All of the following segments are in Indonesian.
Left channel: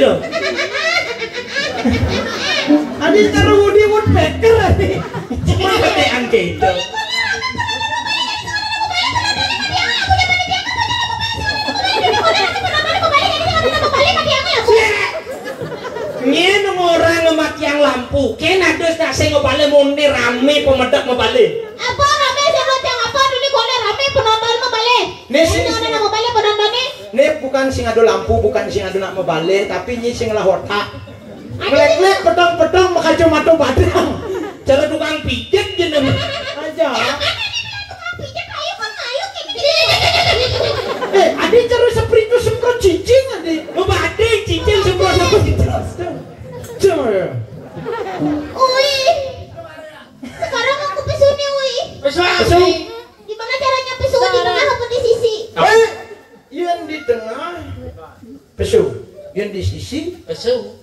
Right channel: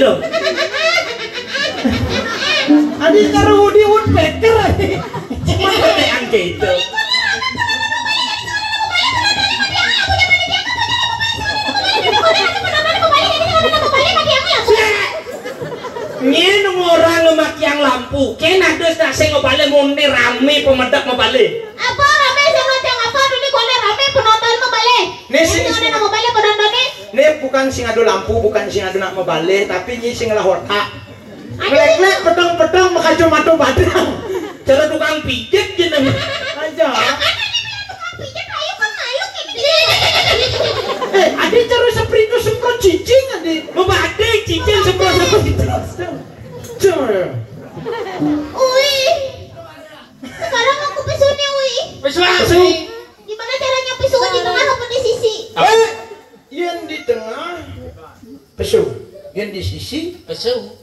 dong. Adi karo Woody Woodpecker. Cuma ketean gitu. Ngene orang ngemakiang lampu. Ken ada stase ngobale mundir rame pemedap ngobale. Apa rame sangat yang apa ini kok rame penonton ngobale. Ini ngobale penontonnya. Ini bukan sing ado lampu, bukan sing ado nak ngobale, tapi ini sing lah otak. Lek-lek pedang-pedang makajo-mato badang. Cara tukang pijet jeneng. Aja. Ade cara seperti semprot cicing ade. Mau badai cicing semprot gitu. Coba. Ui. Sekarang aku pesu nih, Ui. Pesu. Gimana caranya pesu di tengah apa di sisi? Yang di tengah pesu, yang di sisi pesu.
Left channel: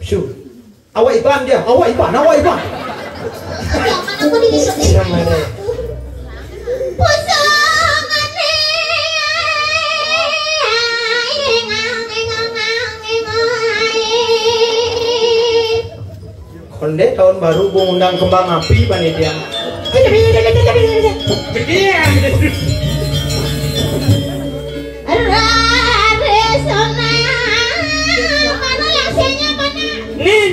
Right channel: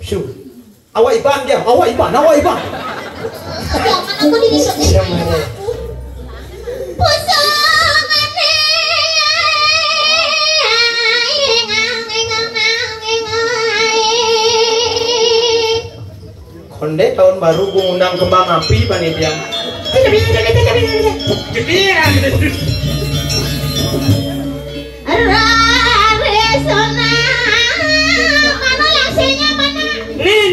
Awak iban dia, awak iban. Jangan aku digisuk. Konde tahun baru mengundang kembang api panitia. Gedean. Mana langsenya mana? Nih.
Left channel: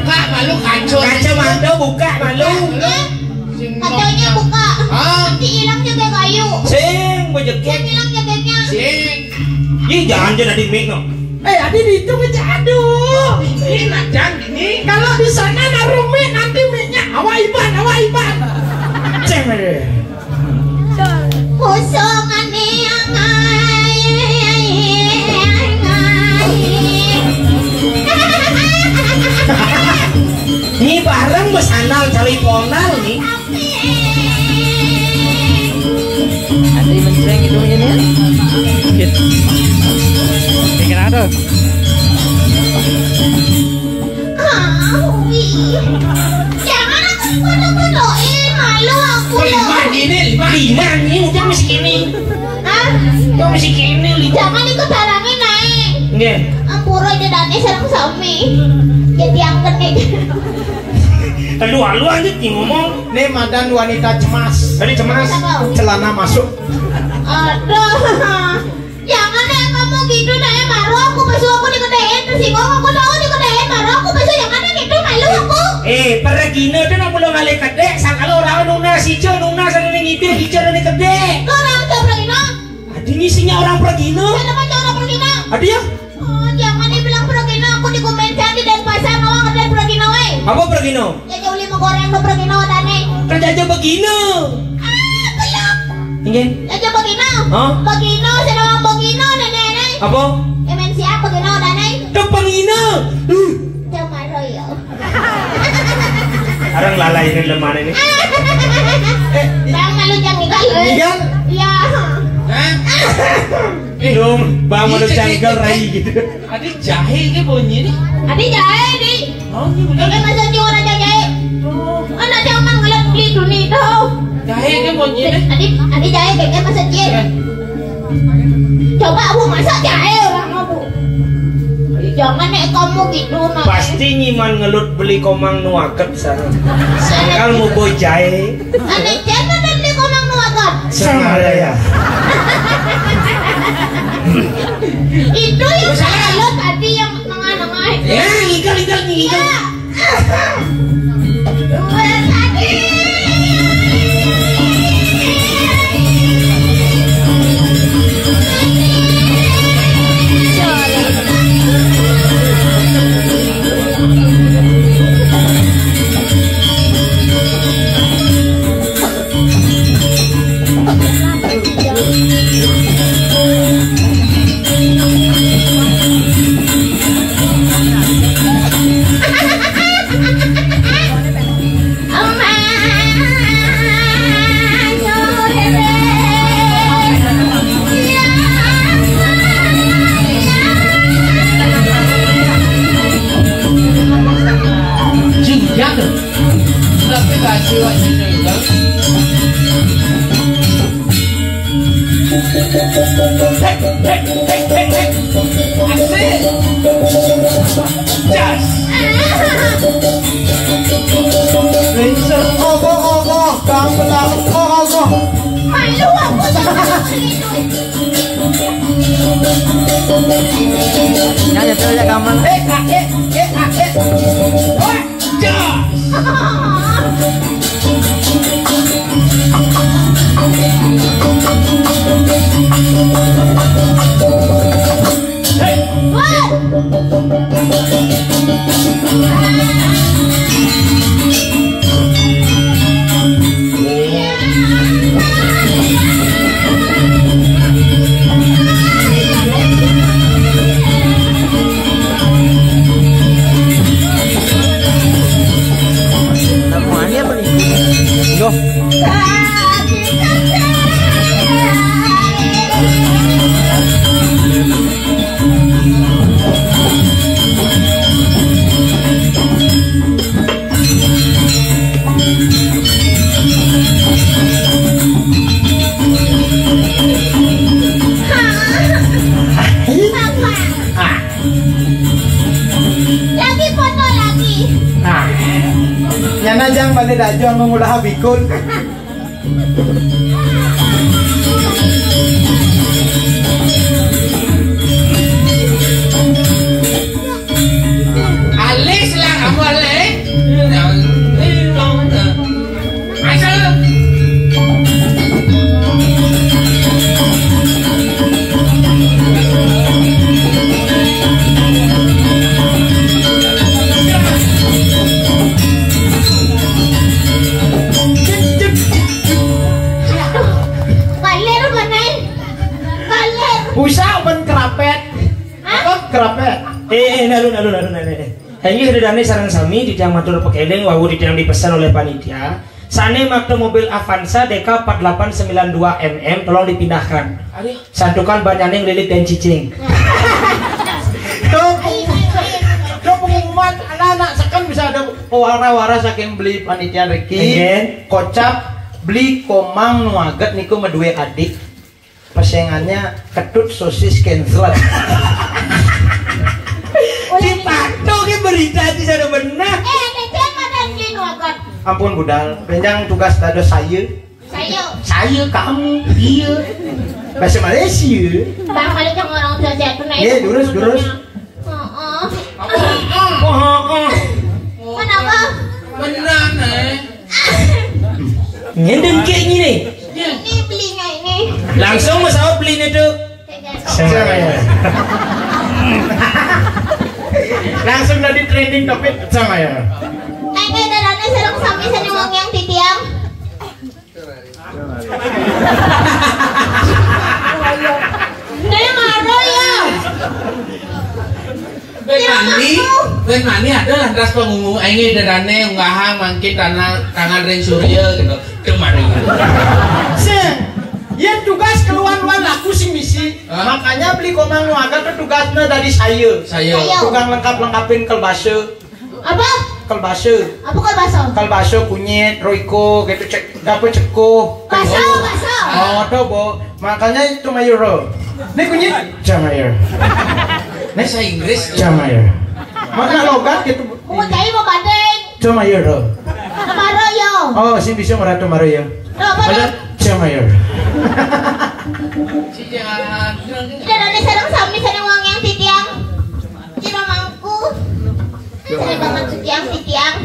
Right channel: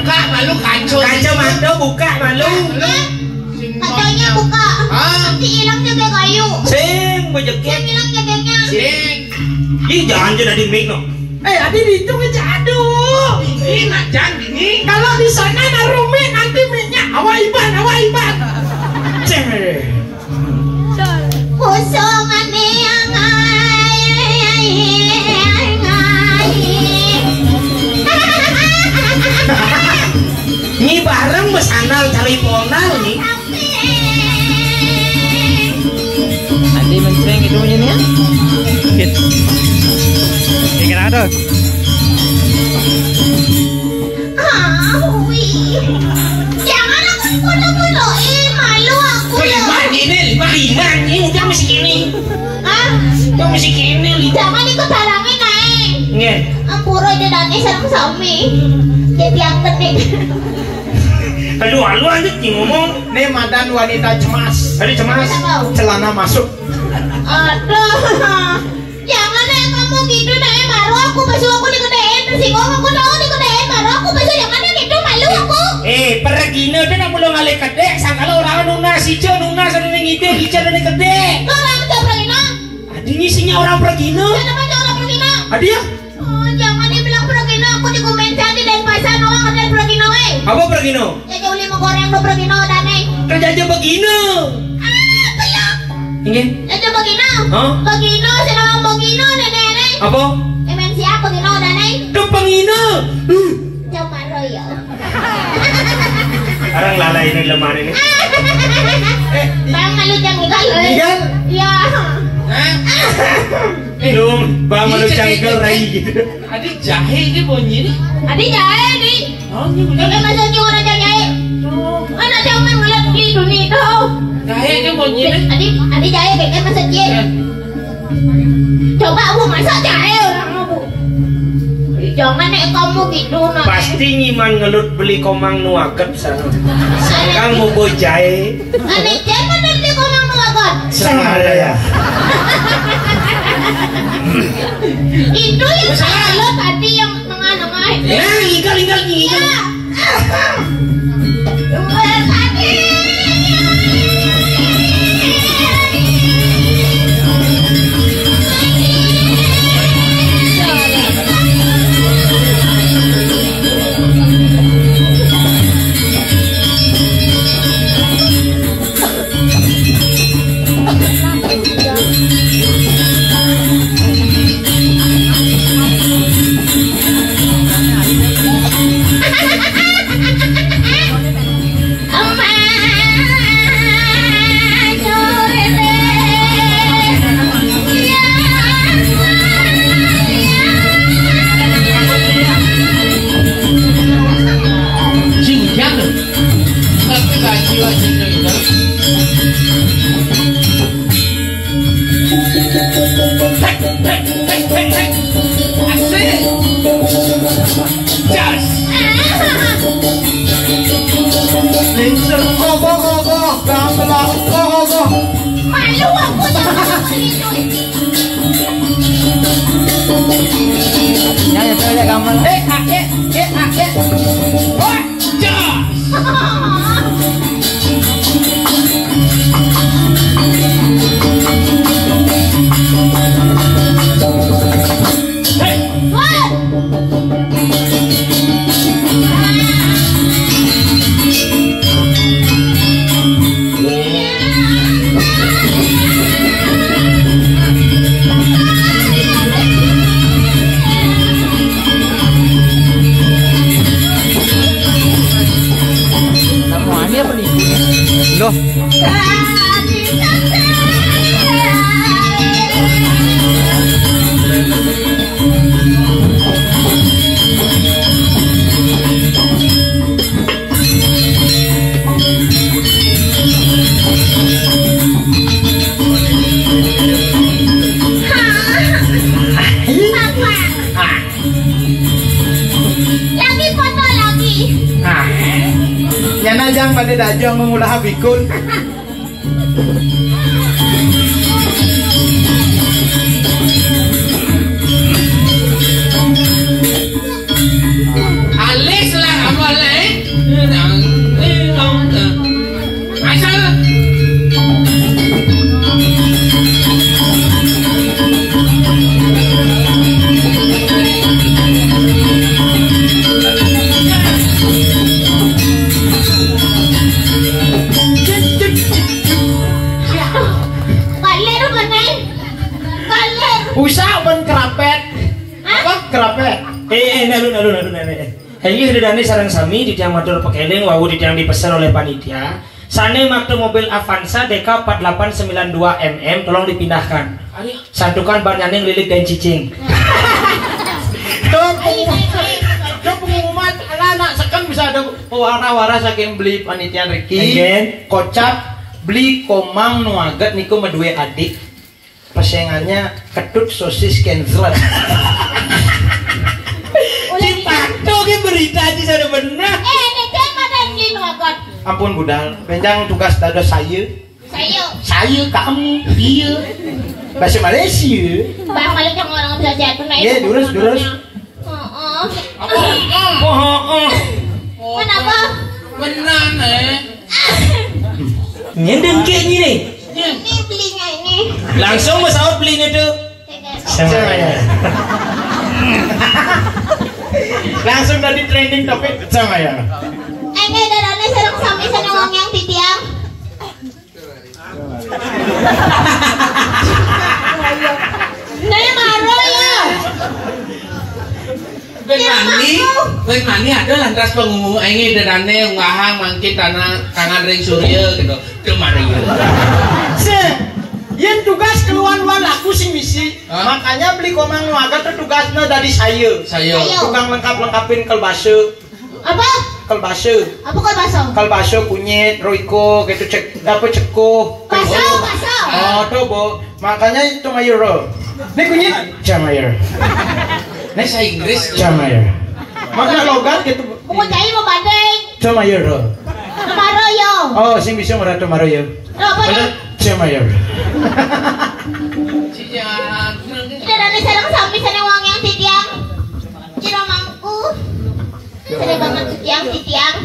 Buka malu Kacamata buka malu. Kacanya buka. Nanti hilang jaga kayu. Sing bejeket. Yang hilang jaganya. Ih jangan jadi mic no. Adi itu ngejadu. Ini jangan ini. Kalau di sana naruh mic nanti mic-nya awak iban. Cek. Kosongan yang Ini bareng besanal cari ponal nih. Nanti menceng itu ini ya. Gitu. Kayak ada. jangan aku bodoh-bodohin, malu aku ya. Ini jam segini. Jam segini. Jangan ikut halangin naik. Nge. Ampuro aja dani serang sami. Jadi angkat deh. Lu aja ngomong. Nih madan wanita cemas. Tadi cemas. Celana masuk. Aduh. Jangan ya kamu gitu naik malu aku besok aku dikedein terus aku tahu dikedein malu aku besok jangan gitu malu aku. Pergi na dan aku lo malaikat dek. Sangkala orang nuna si Jo nuna sana ning ide di sana ning gede. Orang tuh pergi na. Adi ngisinya orang pergi na. Kenapa orang pergi na? Adi ya? Jangan dibilang pergi na aku dikomentar di Denpasar no ada pergi na ay. Apa pergi na? Jadi uli mau goreng lo pergi na dani. Kerja aja begini. Kayak. Ini? Itu begini. Hah? Begini sedang begini nenek. Apa? MNC apa begini dani? Kepangina. Cuma royo. Orang lalai ini lemah ini. Bang malu jangan igal. Igal? Ya. Dong, bang malu canggal rai gitu. Adik jahe ini bunyi nih. Adi jahe di. Oh ini benar. Kayak masa jiwa aja jahe. Anak zaman ngeliat di dunia itu. Jahe ini bunyi nih. Adi jahe kayak masa jahe. Coba aku masak jahe orang aku. Jangan nek kamu gitu nanti. Pasti ngiman ngelut beli komang nuaket sana. Sekarang mau boy jahe. Ane cema dan di komang nuakan. Sama ya. Itu yang saya tadi yang tengah-tengah. Ya, igal. Jas. Lingsir ogok kang telah ogok. Malu aku jangan Ya itu ya gampang. Jas. Ini apa nih? Loh, lagi foto lagi. Nyana jang pada dajang memulah bikun. Alex lah apa Alex? Aisyah. Kalir manen. Kalir. Usah ben kerapet. Apa kerapet? Alun. Ini sedane sarang sami di tiang motor pekeleng wawu di tiang dipesan oleh panitia. Sane makte mobil Avanza DK 4892 mm tolong dipindahkan. Santukan ban nyaning lilik dan cicing. Itu pengumuman anak-anak sekan bisa ada wara-wara saking beli panitia Riki. Kocap beli komang nuagat niku medue adik. Persaingannya ketut sosis cancel. Dipatu ke berita aja sudah benar. Nejen manen lino akot. Ampun budal, benjang tugas tado saya. Saya kamu, dia. Bahasa Malaysia. Bang kali jangan orang bisa jatuh naik. Iya, durus. Kenapa? Benar Nyendeng kayak gini. Ini belinya ini. Langsung masalah beli itu. Semuanya. Langsung dari trending topik sama ya. Ini darahnya serang sami sana wong yang titiang. Saya marah ya. Beng mani ada lantas pengumuman ini derane unggahan mangkit tangan ring surya gitu kemarin. Yang tugas keluar-luar aku sih misi. Makanya beli komang nuaga tugasnya dari saya. Tukang lengkap-lengkapin kelbasa. Apa? Kelbasa. Apa kalbaso? Kalbasa kunyit, roiko gitu cek dapat cekuh. Baso. Oh, tobo. Makanya itu mayuro. Ini kunyit jamayer. Ini saya Inggris. Jamayer. Makna logat gitu. Mau cari mau bandeng. Jamayer. Maroyo. Oh, sing bisa merata maroyo. Ada jamayer. Darahnya serang sami sana wong yang titiang. Kira mangku. Saya banget yang titiang.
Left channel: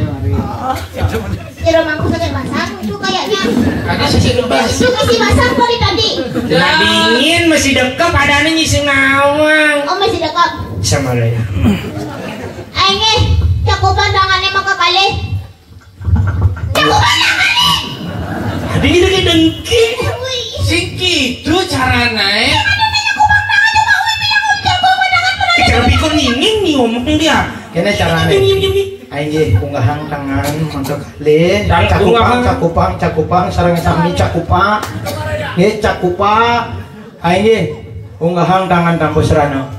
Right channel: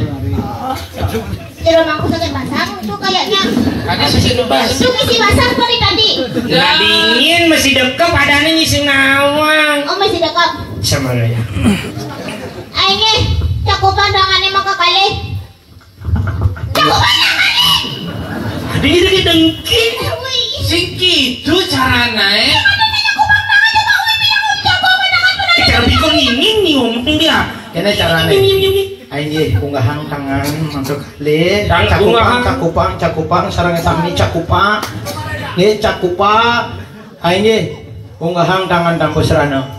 Kira mangku sakit basang itu kayaknya. Ada sisi lepas. Itu misi basang kali tadi. Lah dingin masih dekap adanya nyising nawang. Oh masih dekat. Sama raya. Ini cakupan tangannya maka kali. Cakupan tangannya. Dingin dengki. Siki itu caranya. Cara pikir nginging nih ngomongin dia. Kena caranya. Ayo unggahan tangan untuk kali. Cakupang sarang sami cakupang. Nih cakupang. Ayo unggahan tangan tampo serana.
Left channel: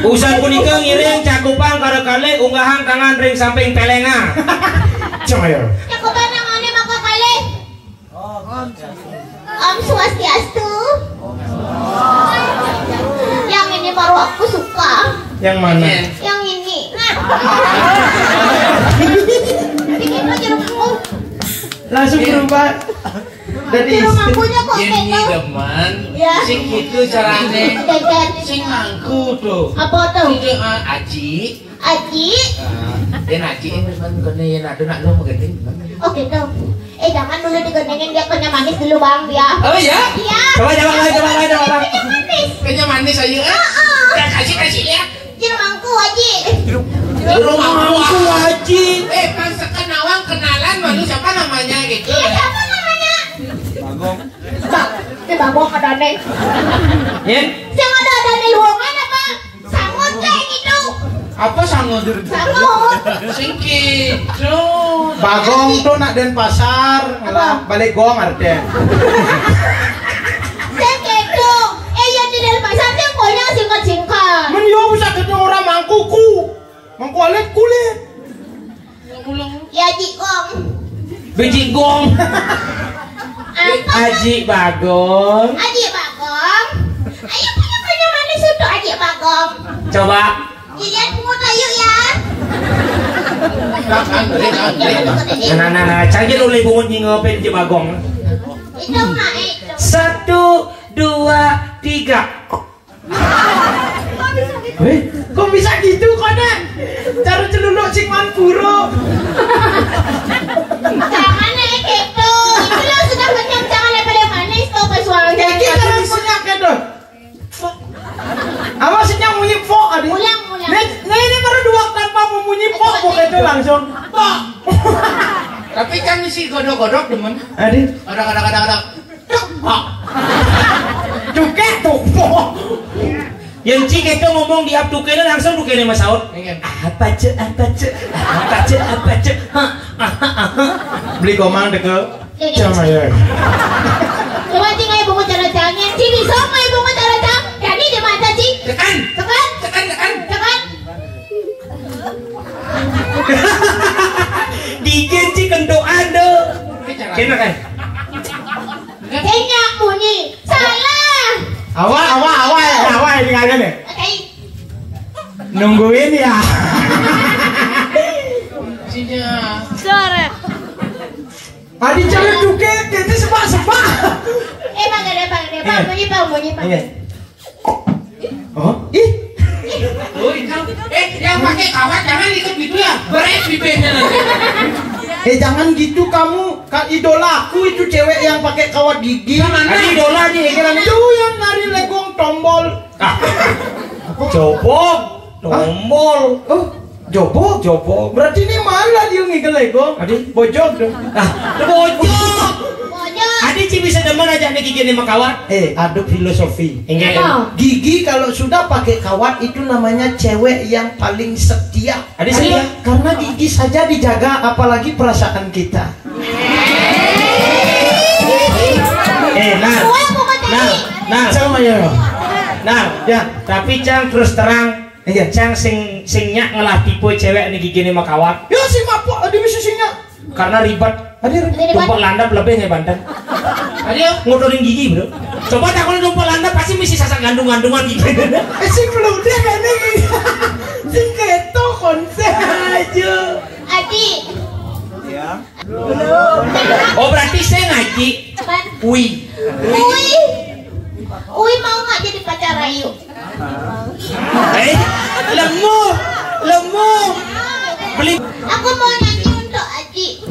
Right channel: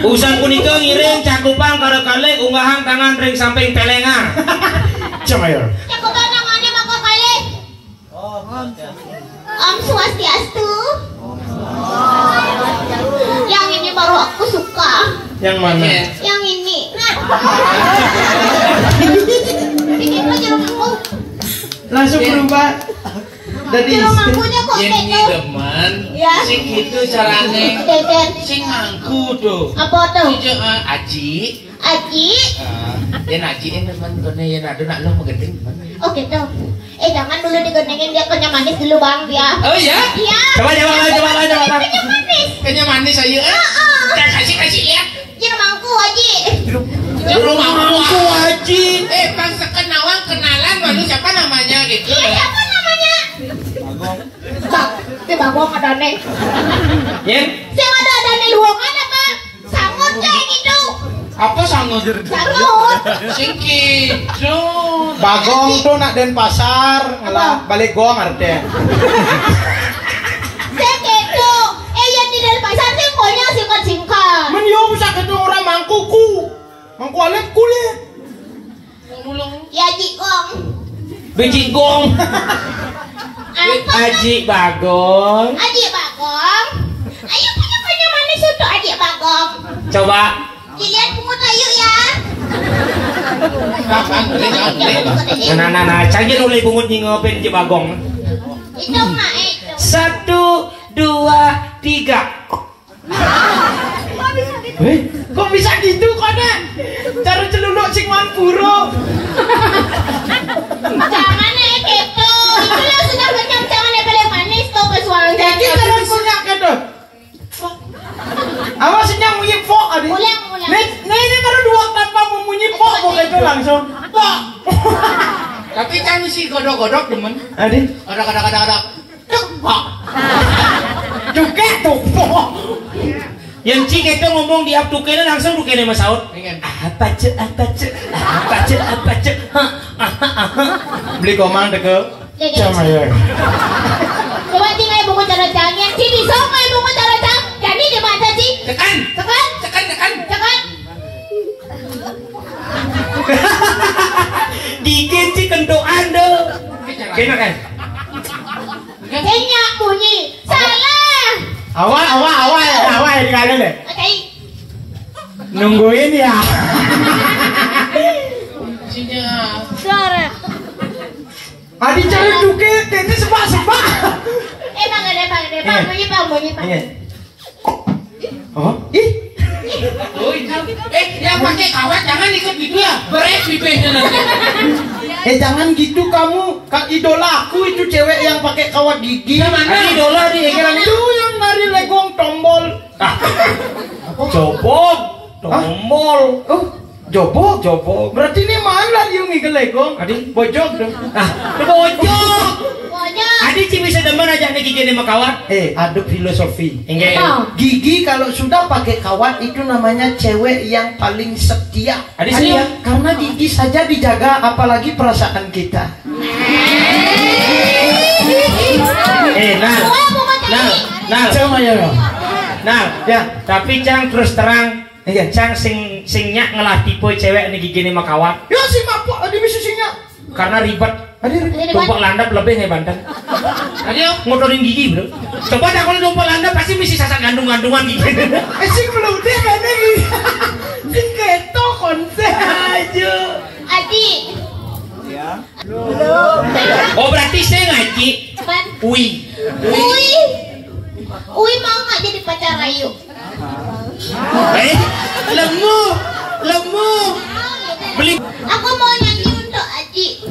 Usan kunika ngiring cakupang karo kali unggahan tangan ring samping pelenga. Cemayor. Cakupan tangannya maka kali. Om Swastiastu. Yang ini baru aku suka. Yang mana? Yang ini. Bikin aja rumahku. Langsung berubah. Jadi Rumahkunya kok Ini gitu. teman, Ya. sing gitu carane, Dekat. sing mangku tuh. Apa tuh? Itu Aji. Aji. Yang Aji ini teman kene yang ada nak lu mengendeng. Oh gitu. Jangan dulu digendengin, dia kenyang manis dulu bang dia. Oh ya? Iya. coba. Kenyang manis. Kayaknya manis aja ya. Kasih ya. Di rumahku Aji. Di rumahku Haji. Bang sekenawang kenalan malu siapa namanya gitu. Iya siapa namanya? Bagong. Ini Bagong ada nih. Yen, Siapa ada nih luangan apa? Sangut kayak gitu. Apa sangat? Sangut. Sing gitu. Bagong tuh nak den pasar, ngalah balik gong artinya. Saya gitu. Yang di dalam pasar dia punya singkat-singkat. Men yo bisa ketemu orang mangkuku. Mangku alit kulit. Ya Jikong. Biji gong. Apa? Aji Bagong. Aji Bagong. Ayo punya banyak manis untuk Aji Bagong. Coba. Dilihat pungut ayo ya. Nah, canggih oleh bungut nyingopin Aji Bagong. Itu mak itu. 1, 2, 3. Kok bisa gitu kona? Cara celuluk sing wan puro. Jangan gitu. Itu yang sudah kenyang jangan yang paling manis tuh pesualnya. Iki cara punya tuh. Awas senyum munyi fok adi. Ulang. Nah ini baru 2 tanpa memunyi fok bukan itu langsung. Fok. Tapi kan si godok-godok demen. Adi. Godok. Cuket tuh. Yang cik itu ngomong di up tukene langsung tukene Mas Saud. Apa cek. Beli komang deke. Sama ya. Coba cing ayo bungut cara jangan. Ci bisa ayo bungut cara jang. Jadi di mana Ci? Tekan. Tekan. Dikit cik kendoan deh. Kena kan? Kayaknya bunyi. Salah. Awal ini kagak deh. Oke. Nungguin ya. Sinya. Adi cara cuket, ini sebak. Bang, bunyi. Iya. Oh, ih. Oh, yang pakai kawat jangan ikut gitu ya. Beres bibirnya nanti. Jangan gitu kamu. Kak idolaku itu cewek yang pakai kawat gigi. Mana? Idola nih, itu yang nari legong tombol. Jobok, tombol. Oh, jobok. Berarti ini malah dia nih legong. Adi, bojok dong. Bojok. Adi sih bisa demen aja nih gigi sama kawat. Aduk filosofi. Gigi kalau sudah pakai kawat itu namanya cewek yang paling setia. Adi setia karena gigi saja dijaga, apalagi perasaan kita. Ya, tapi Cang terus terang. Cang sing nyak ngelah tipe cewek nih gigi sama kawat. Ya sing apa? Adi bisa sing nyak. Karena ribet. Tumpuk landap lebih nih Banten. Ada ngotorin gigi bro. Coba dah kalau tumpuk landap pasti mesti sasak gantung-gantungan gigi. Sing belum deh kan ini. Sing keto konser aja. Adi. Ya. Oh berarti saya ngaji. Ui Mau nggak jadi pacar Ayu? Lemu. Beli. Aku mau nyanyi untuk Aji.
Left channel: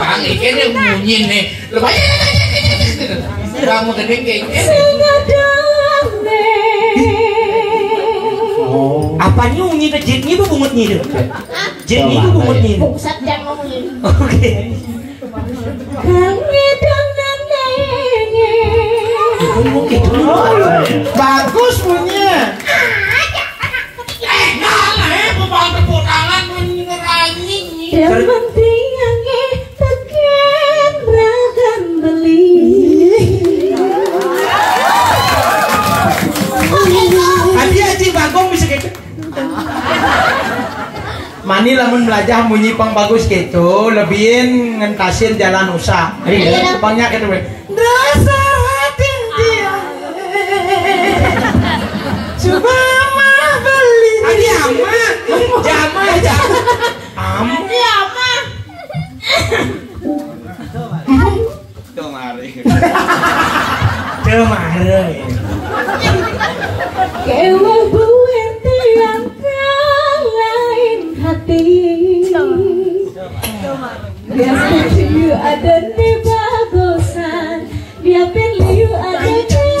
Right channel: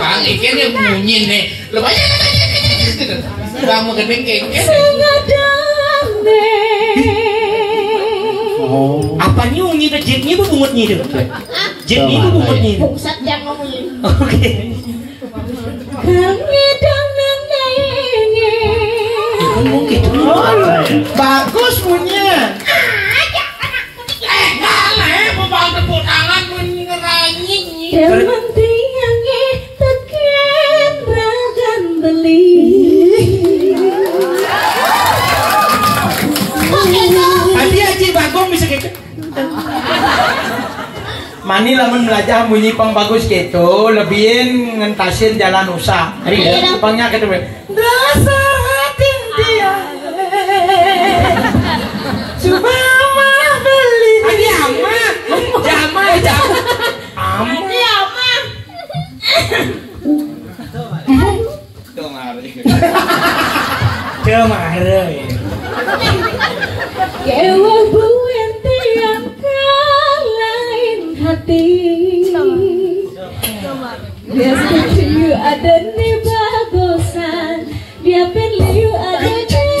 Bang, ikannya bunyi nih. Lumayan. Kamu kedengeran. Oh. Apa nyunyi ke jitnya bu bungutnya itu? Jitnya bu bungutnya. Buksat jangan ngomongin. Oke. Bagus bunyinya. Bang tepuk tangan menyerangin. Aji Bagong bisa gitu. Mani lamun belajar bunyi pang bagus gitu, lebihin ngentasin jalan usah. Pangnya gitu. Dasar hati dia Kemarin. Kewa buat tiang lain hati. Dia setuju ada di bagusan. Dia pilih ada di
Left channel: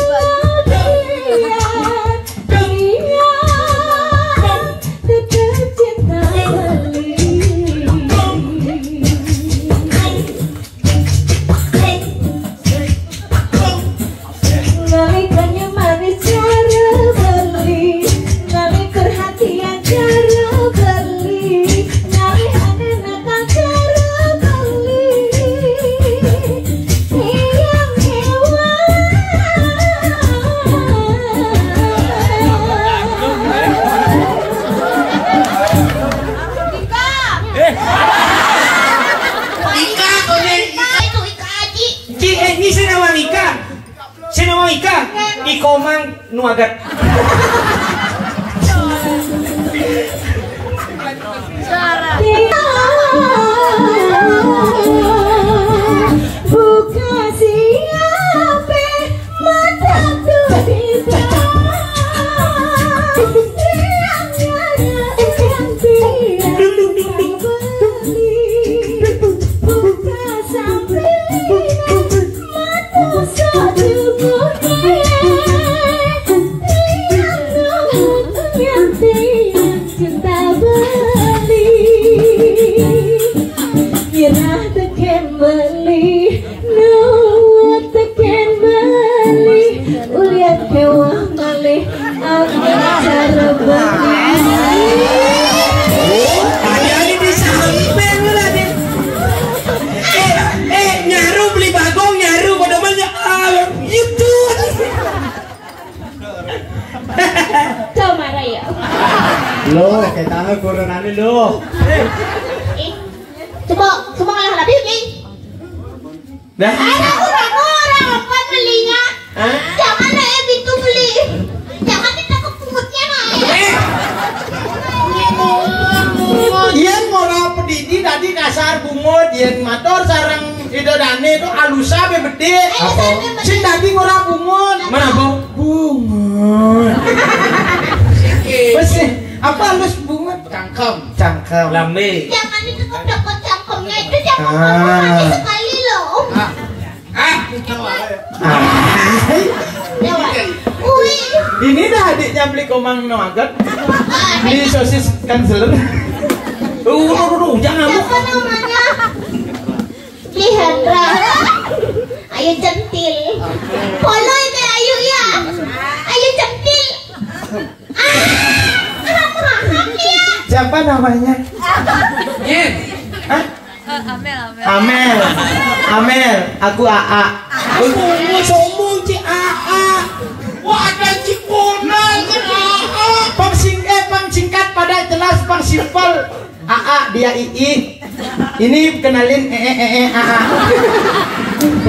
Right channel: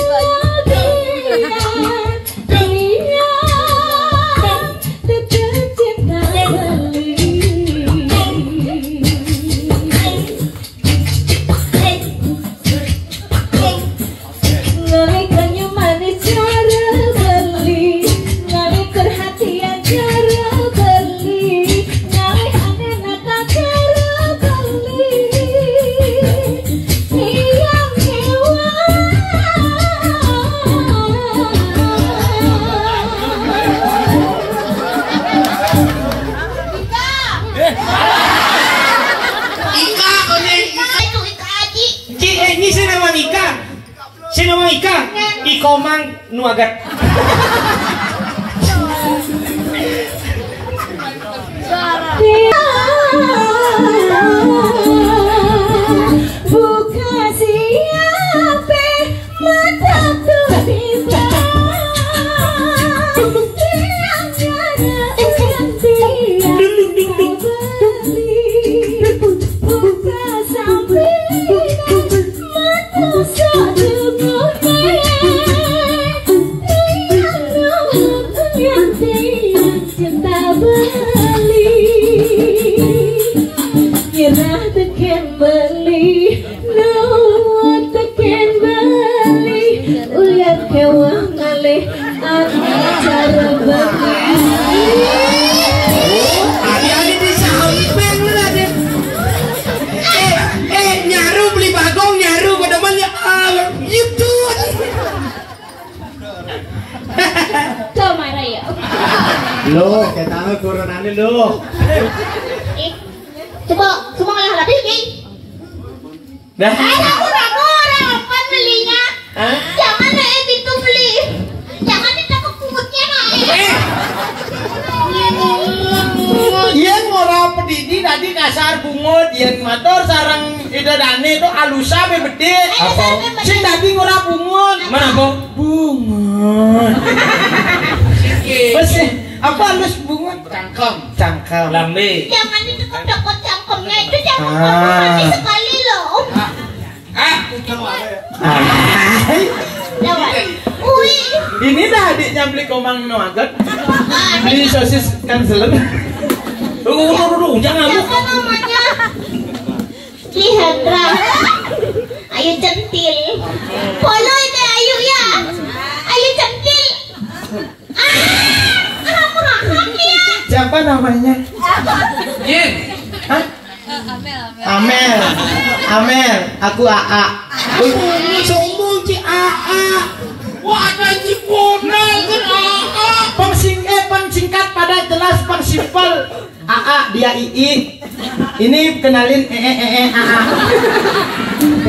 Komang nuagat. Buka siapa mataku di Lo, kita corona ni lo. Coba semua ngalah lagi ni. Dah. Orang apa belinya? Jangan naik pintu beli. Jangan ditangkap pungutnya naik. Yen ora pedidi tadi kasar bungut, yen motor sarang idadane itu alusa be bede. Apa? Sing tadi ora bungut. Mana apa? Bungut. Besi, apa halus bungut? Cangkem. Lambe. Jangan ditekuk-tekuk cangkemnya itu jangan mati sekali loh. Jangan. Ui. Ini dah adiknya beli komang nuagat. Beli sosis cancelen. Jangan Siapa namanya? Lihandra. Ayu centil. Follow itu Ayu ya. Ayu centil. Siapa namanya? Yen. Hah? Amel. Aku AA. Sombong si AA. Wah, ada si Bonal kan AA. Pangsingkat pada jelas pang simpel. AA dia II. Ini kenalin AA.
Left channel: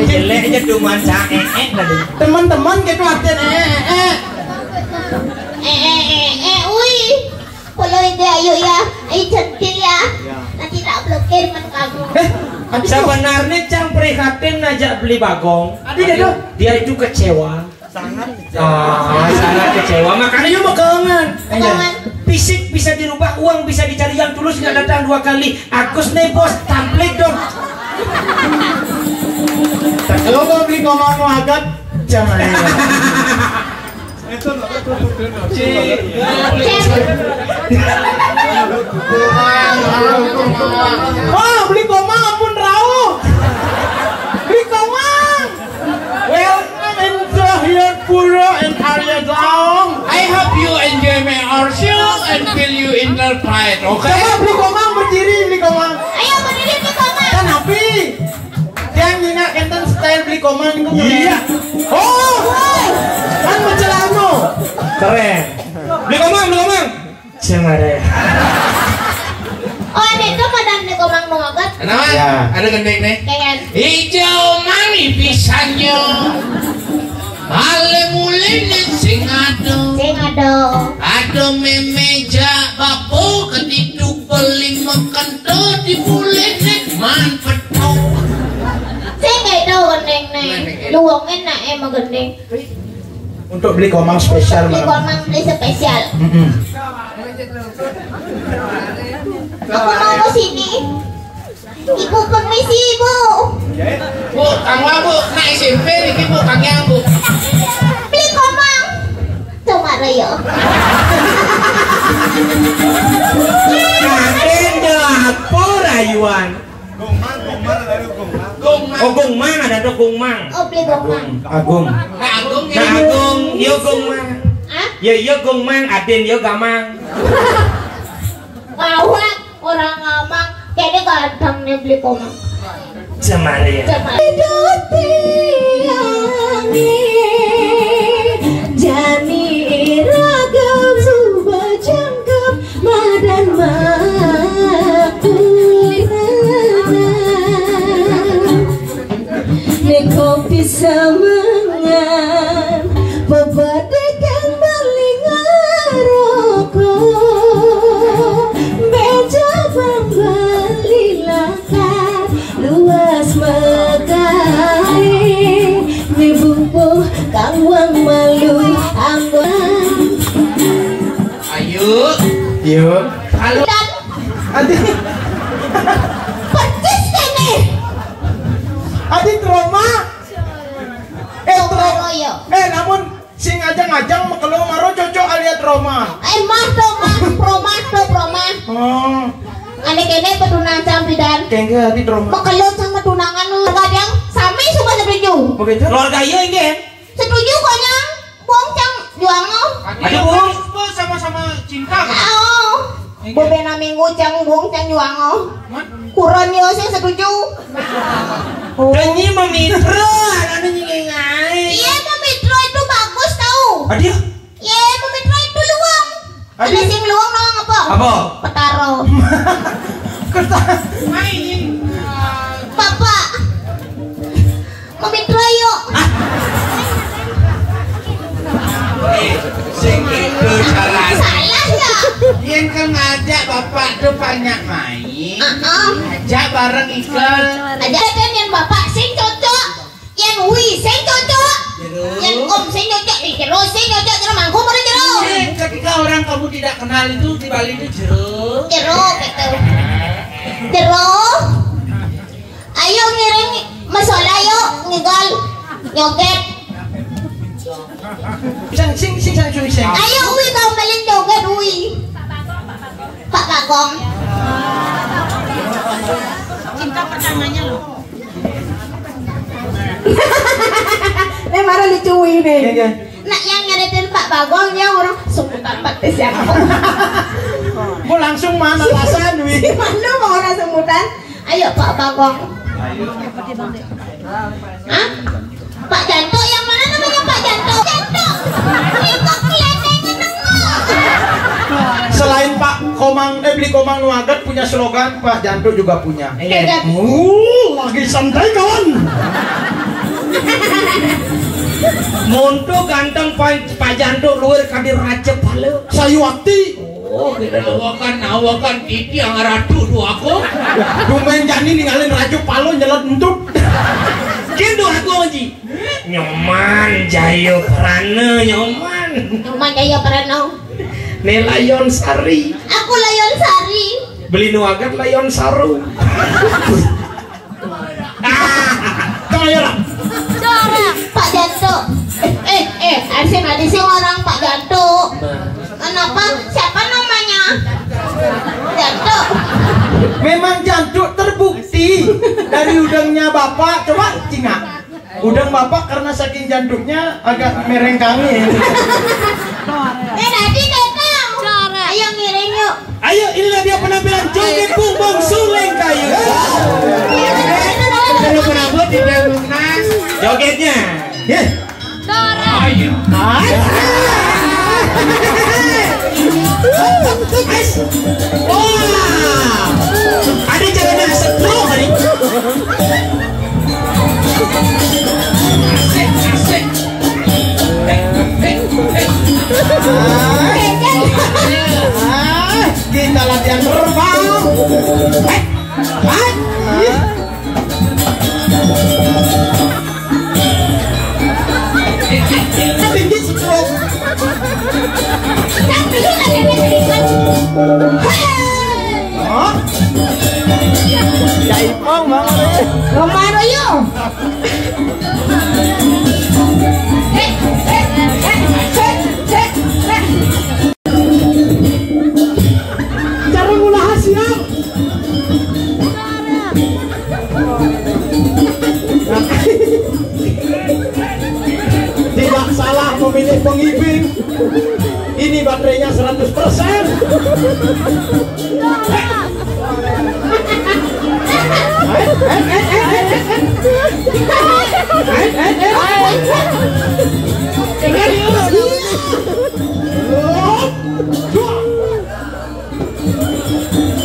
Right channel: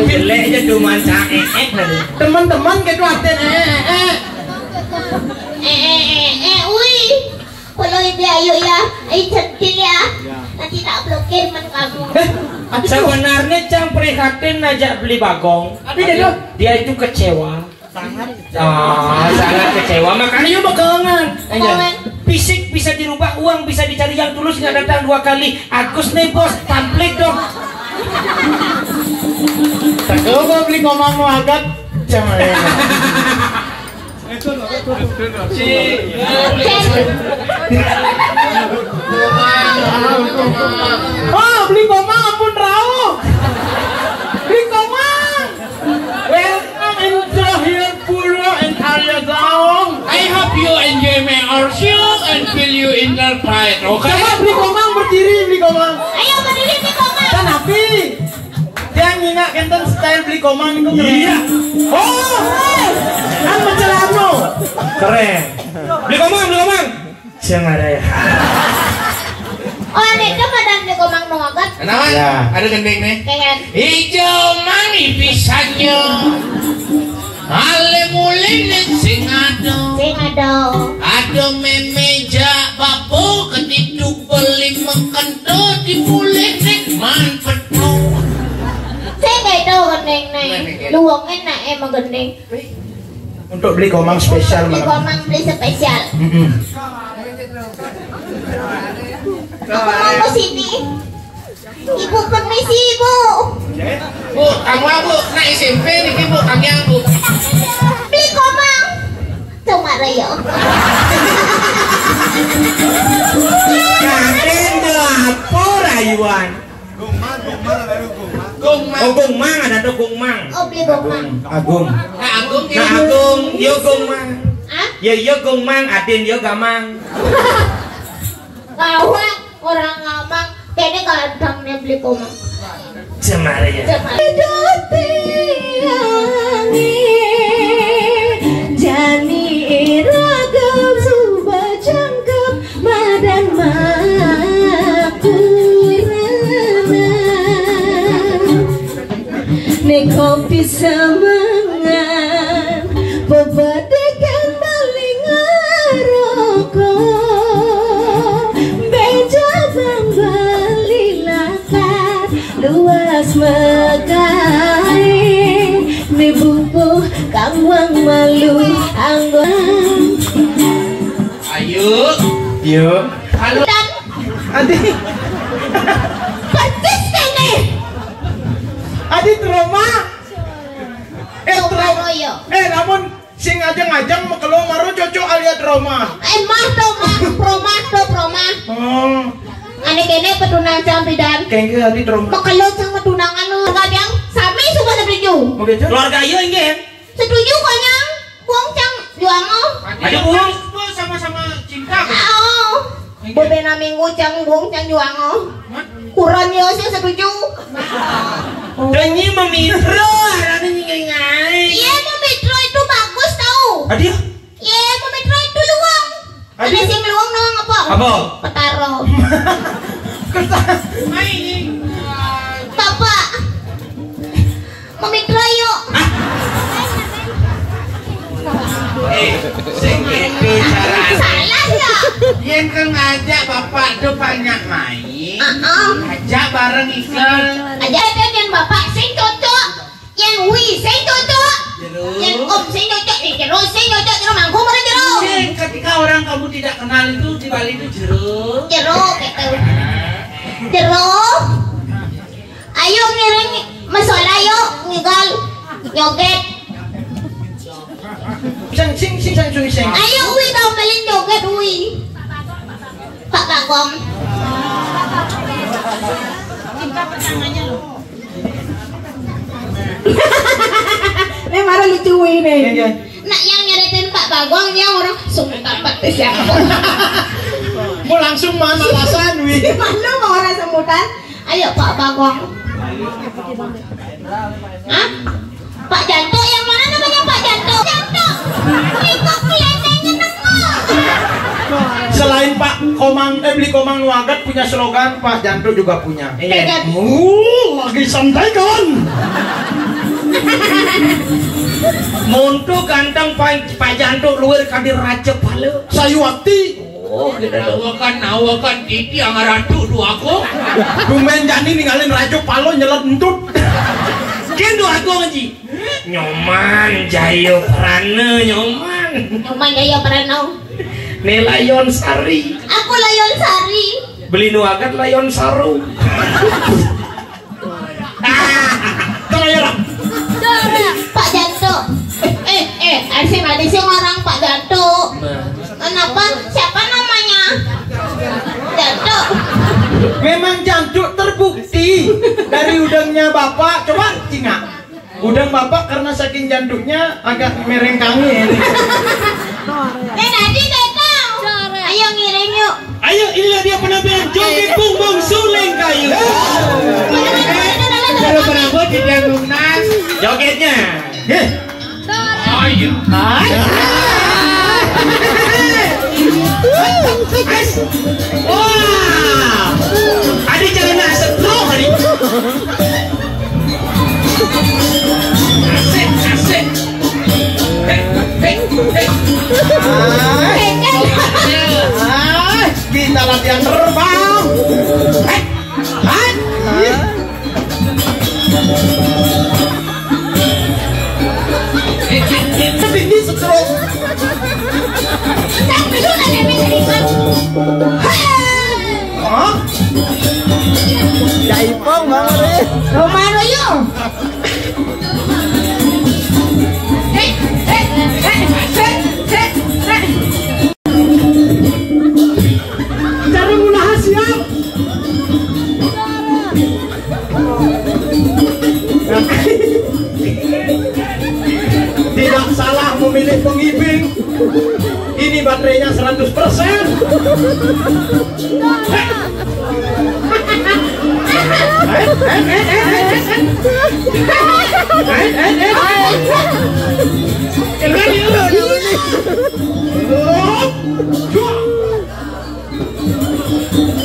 Jeleknya cuma tadi. Teman-teman gitu artinya Ui. Follow itu Ayu ya. Ayu centil ya. Nanti tak blokir man kamu. Sebenarnya Cang prihatin ngajak beli bagong. Dia itu kecewa. Sangat kecewa. Makanya dia mau kelengan. Fisik bisa dirubah, uang bisa dicari yang tulus, nggak datang 2 kali. Agus nih bos, tamplik dong. Kalau mau beli komang nuagat, jangan. Oh, beli komang ampun rauh. Beli komang. Welcome in Jahian Pura and Arya Zaong. I hope you enjoy my show and feel you in the fight, okay? Coba beli komang berdiri, beli komang. Ayo berdiri di kamar. Kan api. Dia ngingat enten style beli komang itu. Iya. Oh, kan mencelano. Keren. Beli komang. Cemare. Oh, itu kadang di komang nuagat. Kenapa? Ya. Ada gendeng nih. Kayak Hijau mani pisannya, malem mulinet sing ado, ado memeja bapo ketiduk beli mengkento di bulenet man petu. saya nggak tahu neng luangnya emang gendeng. Untuk beli komang spesial. Beli komang beli spesial. Aku tunggu sini. Ibu permisi ibu. Bu, kang Bu, nak SMP ini Bu, kang yang Bu. Beli komang. Cuma raya. Kaden apa rayuan? Oh gongmang ada tuh gongmang. Oh beli komang. Agung. Nah, Agung Nah agung, yo gongmang. Hah? Yo gongmang, aden yo gamang. Ngawak orang ngamang. Kayaknya kadang nih beli komang. Semara ya. Jani iragam subah jangkep madan kopi samangan bebadekan maling rokok beja balilakan luas mekai di buku kangwang malu anggon ayo. Yuk. Halo. dan Adi. percis kene Adi trauma. Trauma. ya Namun sing ngajang-ngajang makelong maro cocok alias trauma. proma Oh. ane kene petunang campidan Kayaknya adi trauma. makelot sama tunangan lu kadang sami semua setuju Begitu. Keluarga yo ingin. setuju konyang buang cang juang Ada Bu. Sama-sama cinta. oh bobena minggu cang buang cang juang kurang yo saya setuju Dengi memitra ada nyengai. iya memitra itu bagus tau Adik. iya memitra itu luang ada Adik. sing luang nong apa Apa? petaro bapak memitra yuk Sing itu salah. salah ya Yen kan ngajak bapak tuh banyak main. Ajak bareng iklan. ada kan yang bapak sing cocok yang wi sing cocok yang om sing cocok di jeruk sing cocok jeruk mangkuk mana jeruk Ketika orang kamu tidak kenal itu di Bali itu jeruk. jeruk gitu jeruk ayo ngiring masalah yuk ngigal nyoget Sing ayo wi kau beliin nyoget wi Pak Bagong Ini marah lucu ini. nak yang nyaritin Pak Bagong dia orang sungkan pakai siapa Kok langsung mana alasan wi? Mana mau orang semutan? ayo Pak Bagong Hah? Pak Janto yang mana namanya Pak Janto? Janto itu kelihatannya nengok Selain Pak Komang beli Komang Nuagat punya slogan, Pak Janto juga punya. Iya. Lagi santai kan? Monto ganteng Pak Janto luar kadir raja pala. Sayuwakti. Oh, Nawakan titi yang ratu du aku. Dumen jani ninggalin raja palo nyelet entut. Kendo aku ji. Nyoman jayo prana nyoman. cuma jaya Prano Nelayon sari. aku Layon Sari Beli nuagat layon saru. Pak Janto ada orang Pak Janto kenapa siapa namanya Janto Memang Janto terbukti dari udangnya Bapak. Coba Cina. Udang Bapak karena saking janduknya agak merengkangi. tadi datang ayo ngiring yuk Ayo inilah dia penampilan joget bumbung suling kayu. Kalau berangkat di Bandungnas. Jogetnya. Ayo. Wah. Adi jangan nak setruk Adi. Asik. Kita latihan terbang. Sedikit stroke. Tapi lu nggak ada serius. Oh? Jaipong banget. Romano yuk. Cari mula hasil. Tidak salah memilih pengibing. Ini baterainya 100%.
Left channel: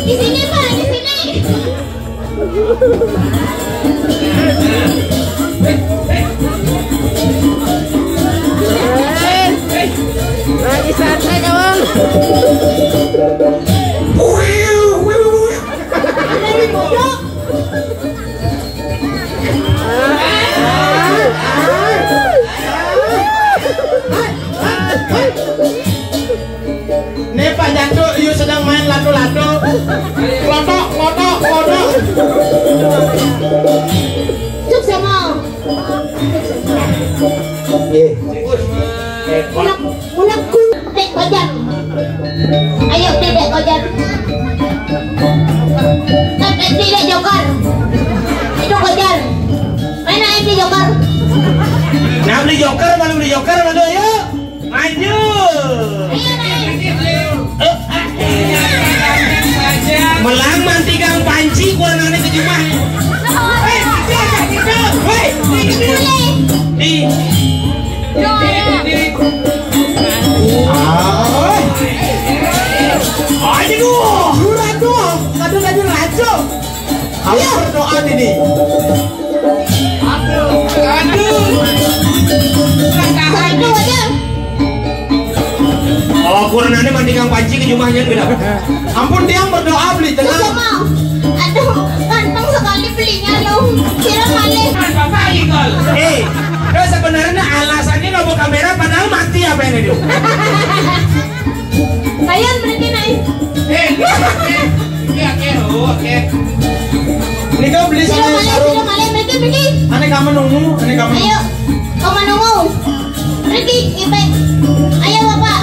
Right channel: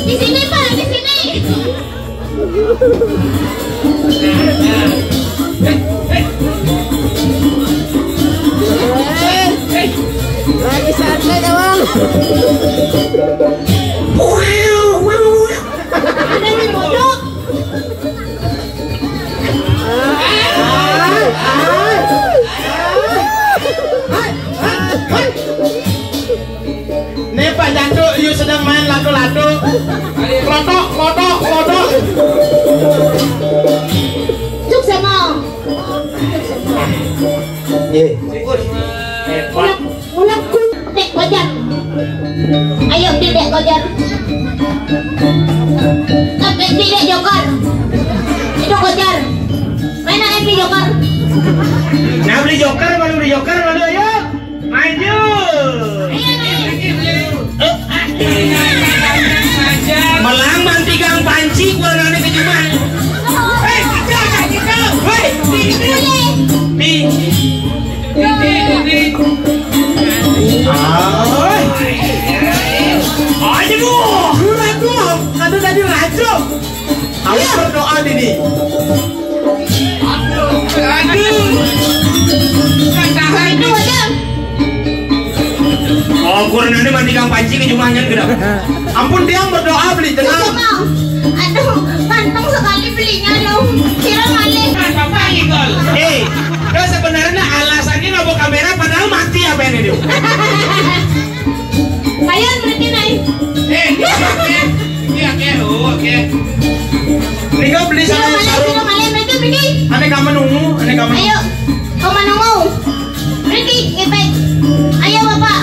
Di sini Pak, di sini. Ada yang bodoh. Nih Pak Janduk, you sedang main lado-lado. Lodok, lodok, lodok. Cuk sama. Mulakku. Dek kojar. Ayo dedek kojar. Tapi tidak joker. Itu kojar. Mana ini joker? Nah beli joker, malu ayo. Maju. Melamang tigang panci kurang ada kejuman. Aduh tadi rajo. Ayo berdoa Didi. Aduh aja. Oh kurang ada mandikan panci kejumahnya beda. Ampun dia berdoa beli tenang. Sama. Aduh, kantong sekali belinya dong. Kira malih. Sebenarnya alasannya lobo kamera padahal mati apa ini dia? Bayar berarti naik. Ini kan beli Kira sama malih, sarung. kira malih berarti pergi. Aneh kamu nunggu, aneh kamu. Ayo, kamu nunggu. Pergi, kipek. Ayo bapak.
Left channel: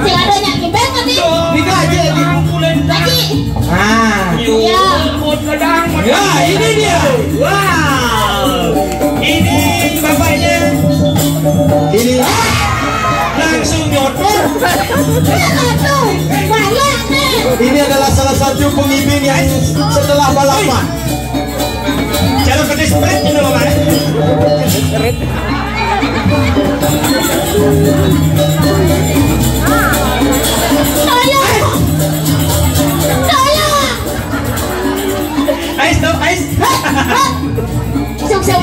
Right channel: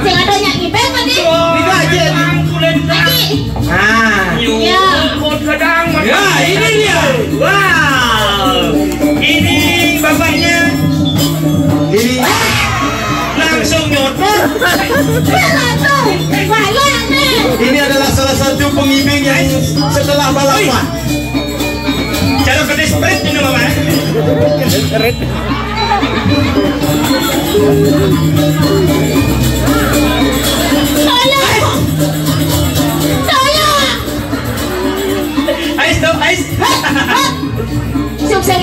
Sing adonya kipek tadi. Nikah aja. Pergi. Nah, Ya. Ya ini dia. Wow. Ini bapaknya ini langsung nyotor. Tuh, banyak nih. ini adalah salah satu pengibing yang setelah balapan. Cara ke sprint ini mama. Tolong. Tolong. Ais dong, ais. Sukses.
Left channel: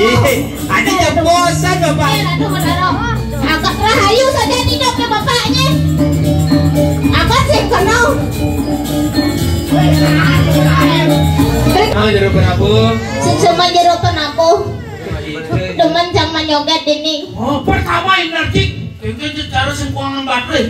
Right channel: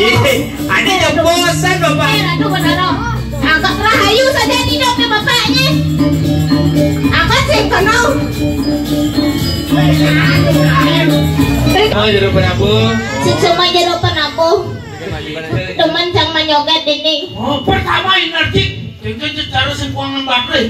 Ada yang bosan bapak. Aduh benar. Angkat rahayu saja hidupnya bapaknya. Angkat sih kenal. Oh, jeruk penabung. Semua jeruk penampuh. Teman jangan nyoget ini. Oh, pertama ini nanti itu taruh singkuangan baterai.